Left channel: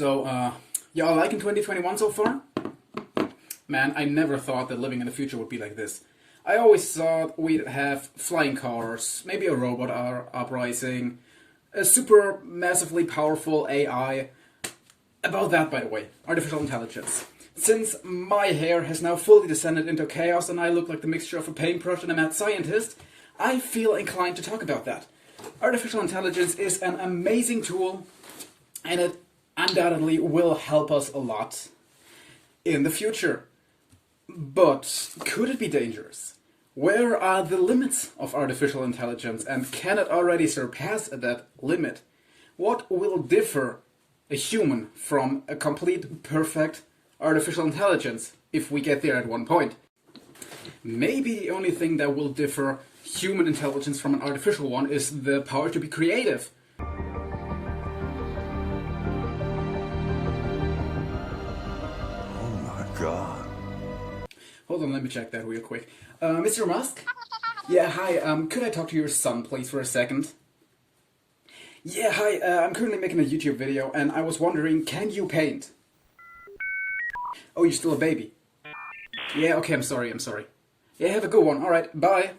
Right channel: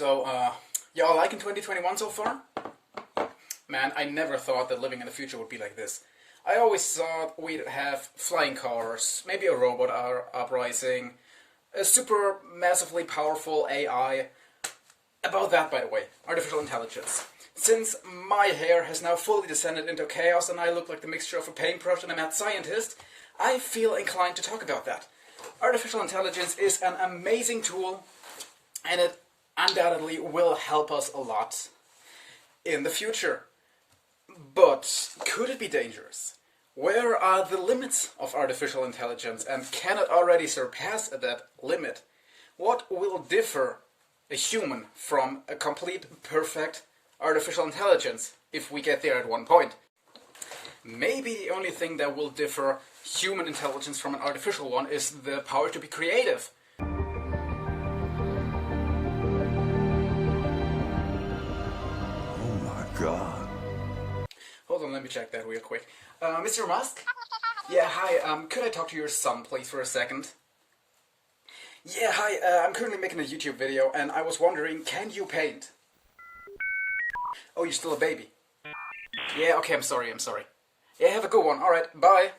Y'all liking 2021 so far? Man, I never thought that living in the future would be like this. I always thought we'd have flying cars, maybe a robot uprising, a super massively powerful AI. About that, by the way, artificial intelligence. Since my hair has now fully descended into chaos and I look like the mixture of a paintbrush and a mad scientist, I feel inclined to talk about that. Artificial intelligence is an amazing tool, and it undoubtedly will help us a lot in the future. But could it be dangerous? Where are the limits of artificial intelligence, and can it already surpass that limit? What will differ a human from a complete, perfect artificial intelligence if we get there at one point? Maybe the only thing that will differ human intelligence from an artificial one is the power to be creative. Oh my God. Hold on, let me check that real quick. Mr. Musk? Yeah, hi, could I talk to your son, please, for a second? Yeah, hi, I'm currently making a YouTube video, and I was wondering, can you paint? Oh, you're still a baby? Yeah, okay, I'm sorry. Yeah, have a good one, alright, bye.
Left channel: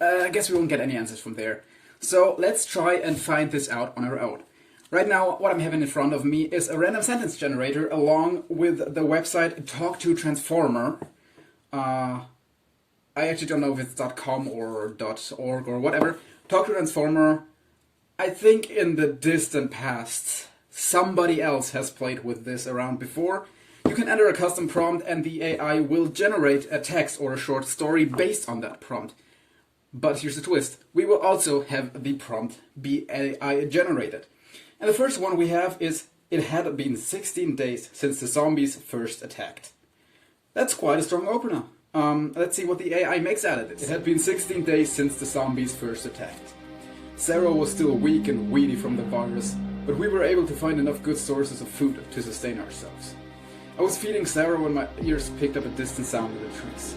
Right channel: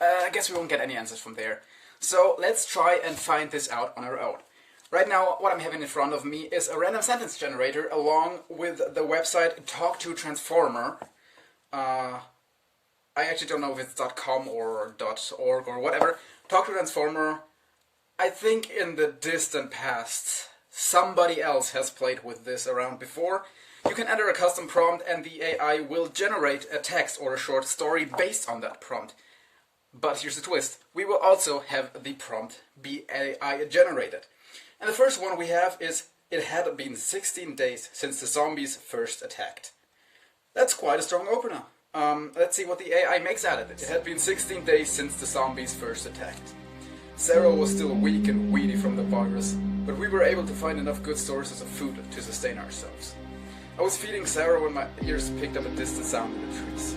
I guess we won't get any answers from there. So, let's try and find this out on our own. Right now, what I'm having in front of me is a random sentence generator along with the website Talk to Transformer. I actually don't know if it's .com or .org or whatever. Talk to Transformer. I think in the distant past, somebody else has played with this around before. You can enter a custom prompt and the AI will generate a text or a short story based on that prompt. But here's the twist. We will also have the prompt be AI generated. And the first one we have is, it had been 16 days since the zombies first attacked. That's quite a strong opener. Let's see what the AI makes out of this. It had been 16 days since the zombies first attacked. Sarah was still weak and weedy from the virus, but we were able to find enough good sources of food to sustain ourselves. I was feeding Sarah when my ears picked up a distant sound in the trees.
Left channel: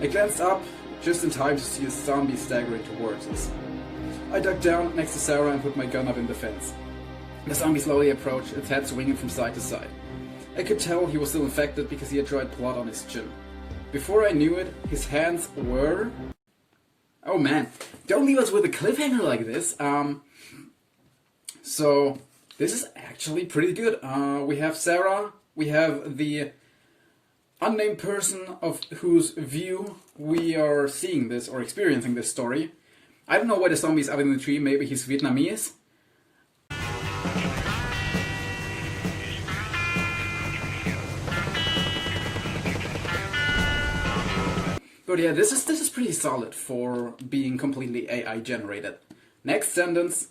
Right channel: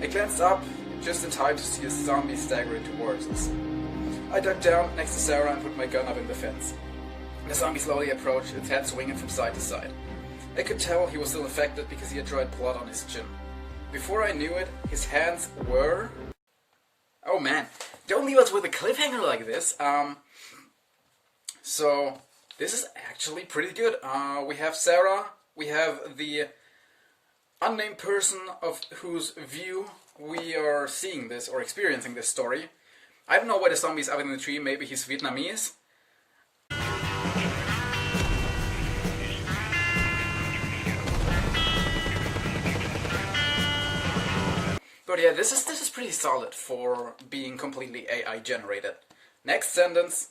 I glanced up just in time to see a zombie staggering towards us. I ducked down next to Sarah and put my gun up in the fence. The zombie slowly approached, its head swinging from side to side. I could tell he was still infected because he had dried blood on his chin. Before I knew it, his hands were... Oh man, don't leave us with a cliffhanger like this. So, this is actually pretty good. We have Sarah, we have the unnamed person of whose view we are seeing this or experiencing this story. I don't know why the zombie's up in the tree, maybe he's Vietnamese. But yeah, this is pretty solid for being completely AI generated. Next sentence.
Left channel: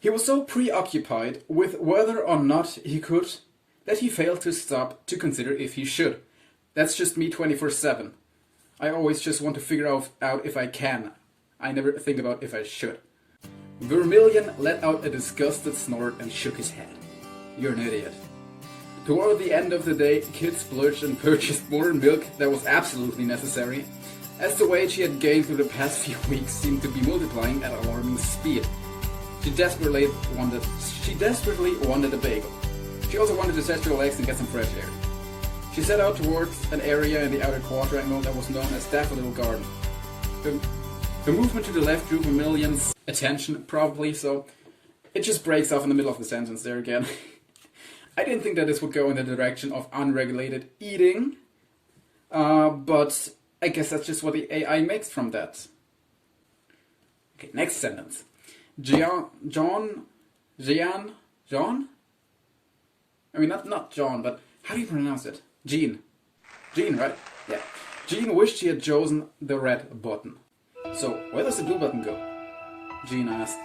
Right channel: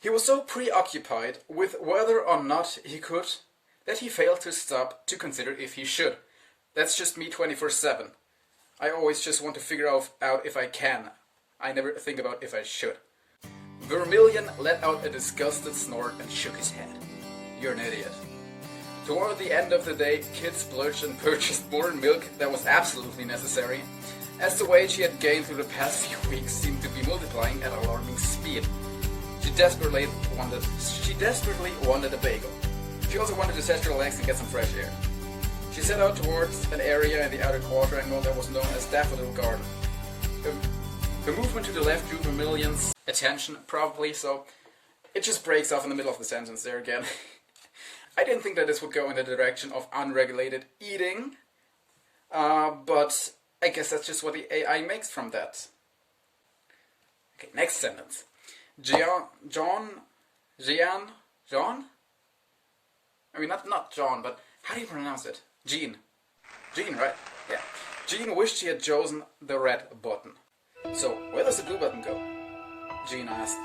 He was so preoccupied with whether or not he could that he failed to stop to consider if he should. That's just me 24/7. I always just want to figure out if I can. I never think about if I should. Vermilion let out a disgusted snort and shook his head. You're an idiot. Toward the end of the day, Kit splurged and purchased more milk than was absolutely necessary, as the weight she had gained through the past few weeks seemed to be multiplying at alarming speed. She desperately wanted a bagel. She also wanted to stretch her legs and get some fresh air. She set out towards an area in the outer quadrangle that was known as Daffodil Garden. The movement to the left drew Vermilion's attention, probably, so it just breaks off in the middle of the sentence there again. I didn't think that this would go in the direction of unregulated eating, but I guess that's just what the AI makes from that. Okay, next sentence. John? I mean, not John, but how do you pronounce it? Jean, right? Yeah. Jean wished she had chosen the red button. So, where does the blue button go? Jean asked.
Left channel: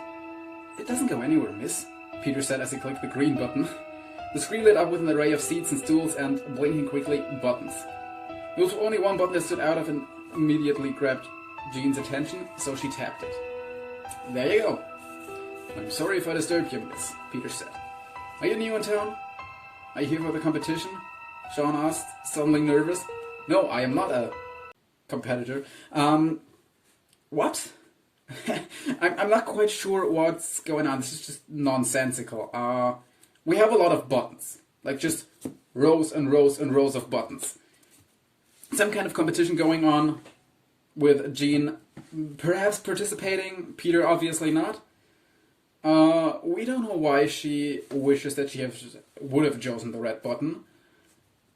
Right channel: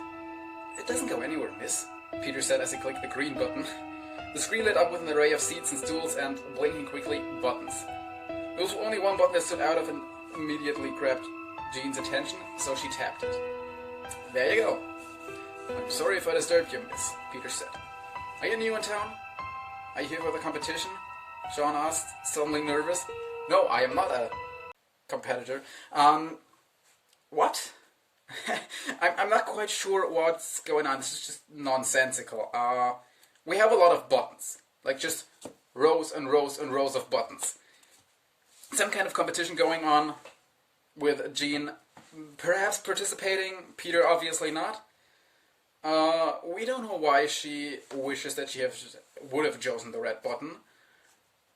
It doesn't go anywhere, miss, Peter said as he clicked the green button. The screen lit up with an array of seats and stools and, blinking quickly, buttons. There was only one button that stood out of and immediately grabbed Jean's attention, so she tapped it. There you go. I'm sorry if I disturbed you, miss, Peter said. Are you new in town? Are you here for the competition? Sean asked, suddenly nervous. No, I am not a competitor. What? I'm not quite sure what's going on. This is just nonsensical. we have a lot of buttons, like just rows and rows and rows of buttons. Some kind of competition going on with Jean perhaps participating, Peter obviously not. We don't know why she wishes that she would have chosen the red button,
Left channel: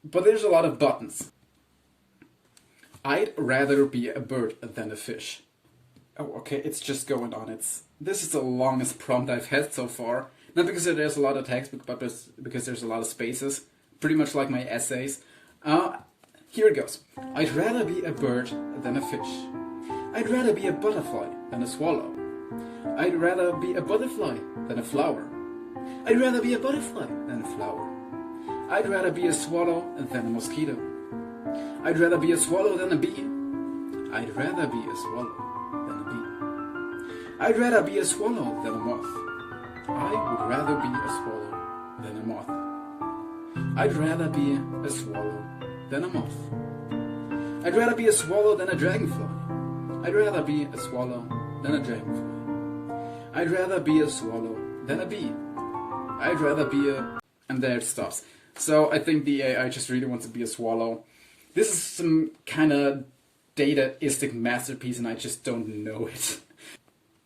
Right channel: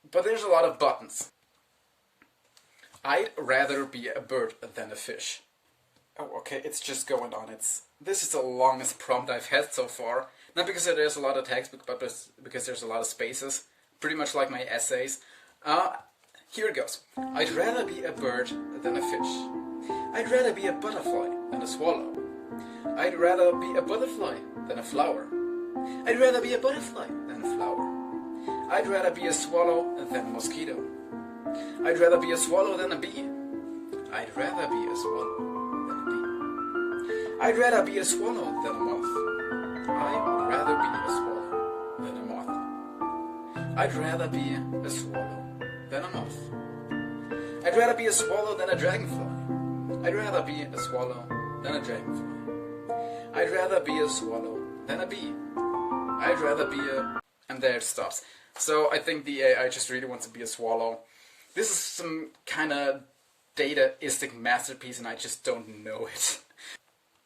but there's a lot of buttons. I'd rather be a bird than a fish. Oh, okay, it's just going on. This is the longest prompt I've had so far. Not because there's a lot of text, but because there's a lot of spaces. Pretty much like my essays. Here it goes. I'd rather be a bird than a fish. I'd rather be a butterfly than a swallow. I'd rather be a butterfly than a flower. I'd rather be a butterfly than a flower. I'd rather be a swallow than a mosquito. I'd rather be a swallow than a bee. I'd rather be a swallow than a bee. I'd rather be a swallow than a moth. I would rather be a swallow than a moth. I'd rather be a swallow than a moth. I'd rather be a swallow than a dragonfly. I'd rather be a swallow than a dragonfly. I'd rather be a swallow than a bee. I'd rather be a... And there it stops. So I think the AI just really wants to be a swallow. This is some kind of dataistic masterpiece and I just don't know it.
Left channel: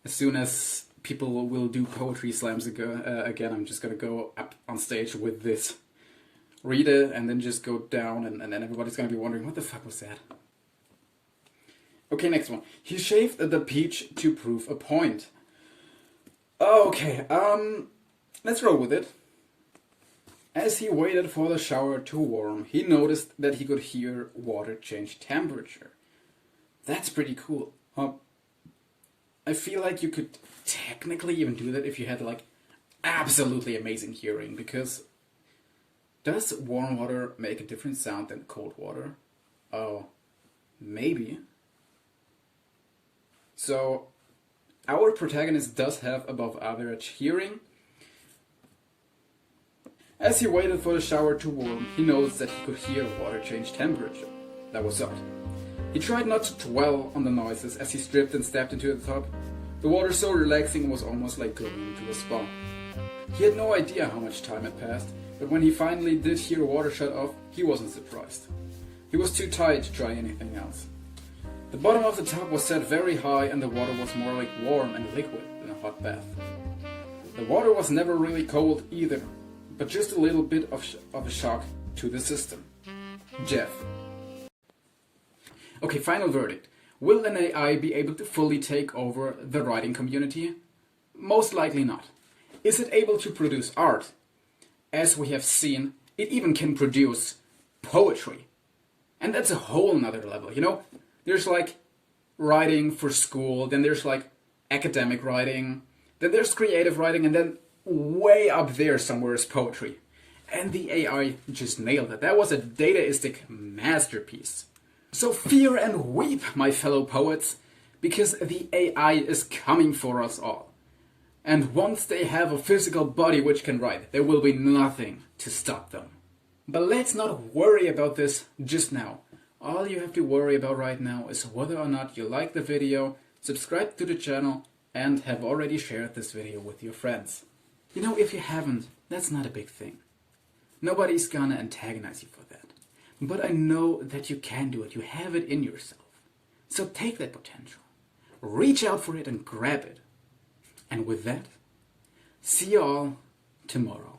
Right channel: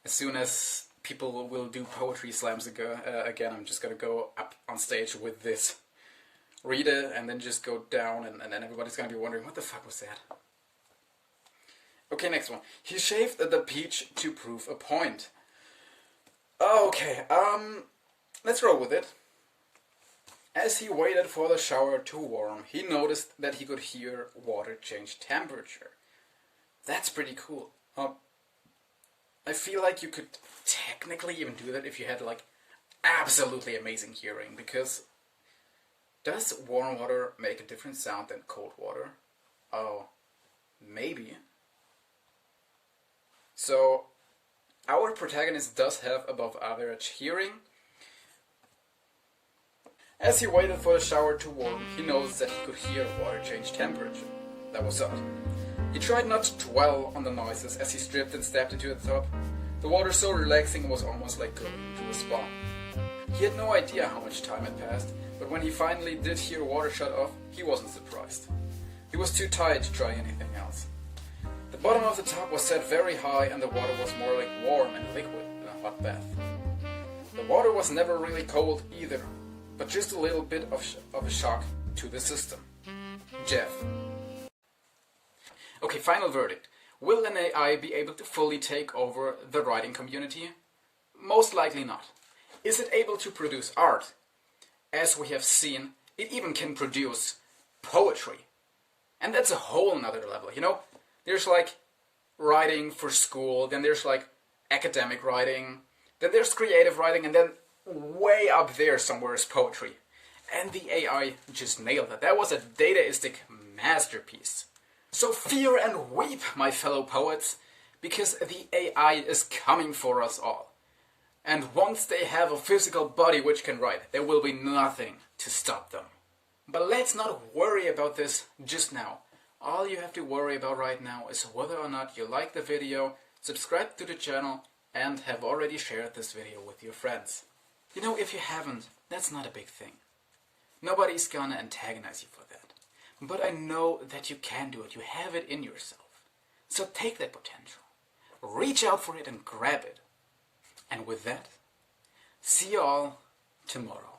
As soon as people will do poetry slams again, I'm just gonna go up on stage with this. Read it and then just go down and then everybody's gonna be wondering, what the fuck was that? Okay, next one. He shaved the peach to prove a point. Okay, let's roll with it. As he waited for the shower to warm, he noticed that he could hear water change temperature. That's pretty cool. I feel like you could technically even do that if you had like absolutely amazing hearing, because does warm water make a different sound than cold water? Oh, maybe. So our protagonist does have above average hearing. As he waited for the shower to warm, he noticed that he could hear water change temperature. That was odd. He tried not to dwell on the noises as he stripped and stepped into the tub. The water so relaxing it was almost like going into a spa. He had no idea how much time had passed, but when he finally did hear water shut off, he wasn't surprised. He was too tired to try anything else. The bottom of the tub was set very high and the water was more like warm and liquid than a hot bath. The water was never really cold either, but just a little bit of a shock to the system. Jeff. Okay, final verdict. Will an AI be able to fully take over the writing community? Most likely not. Is it able to produce art? As we have seen, it even can produce poetry. And that's a whole nother level, you know? There's like writing for school, then there's like academic writing, then there's creative writing, and then way up there somewhere is poetry. And the AI just nailed it. That was a dataistic masterpiece. So fear and weep, my fellow poets, because the AI is coming for us all. And once they have a physical body which can write, there will be nothing to stop them. But let's not worry about this just now. All you have to worry about right now is whether or not you like the video, subscribe to the channel, and have already shared this video with your friends. You know, if you haven't, that's not a big thing. Nobody's gonna antagonize you for that. But I know that you can do it. You have it in yourself. So take that potential. Reach out for it and grab it. And with that, see you all tomorrow.